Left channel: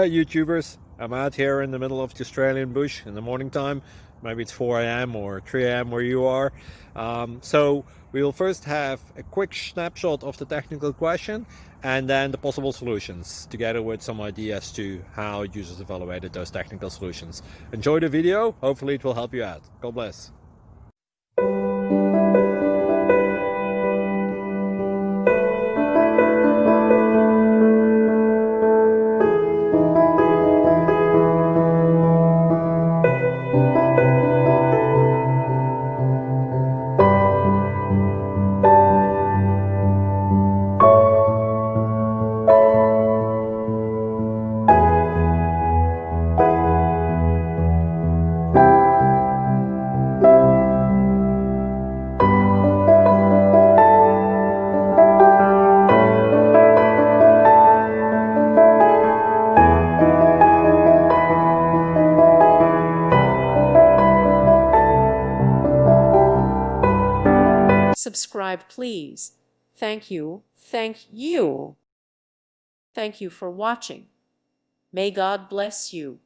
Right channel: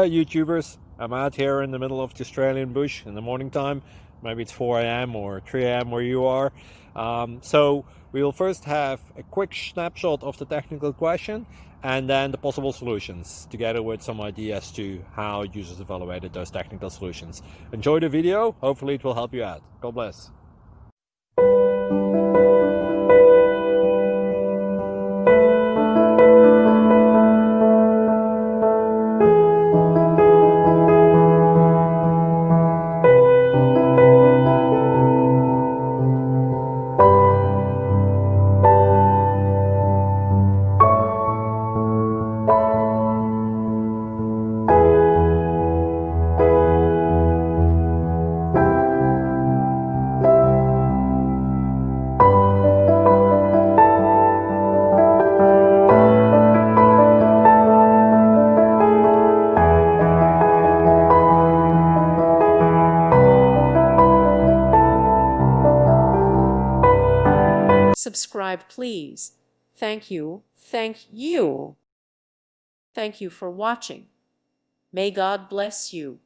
Hi YouTubers, I'm out here in the middle of the Australian bush in the morning time. Maybe it's 4 a.m. or 3 a.m. where you are. So we will first have a quick snapshot of the technical question and then the possible solutions, together with some ideas to how users evaluated those technical solutions. Enjoy the video, hopefully it will help you out. God bless. Subscribe, please. Thank you. Thank you. Thank you for watching. May God bless you.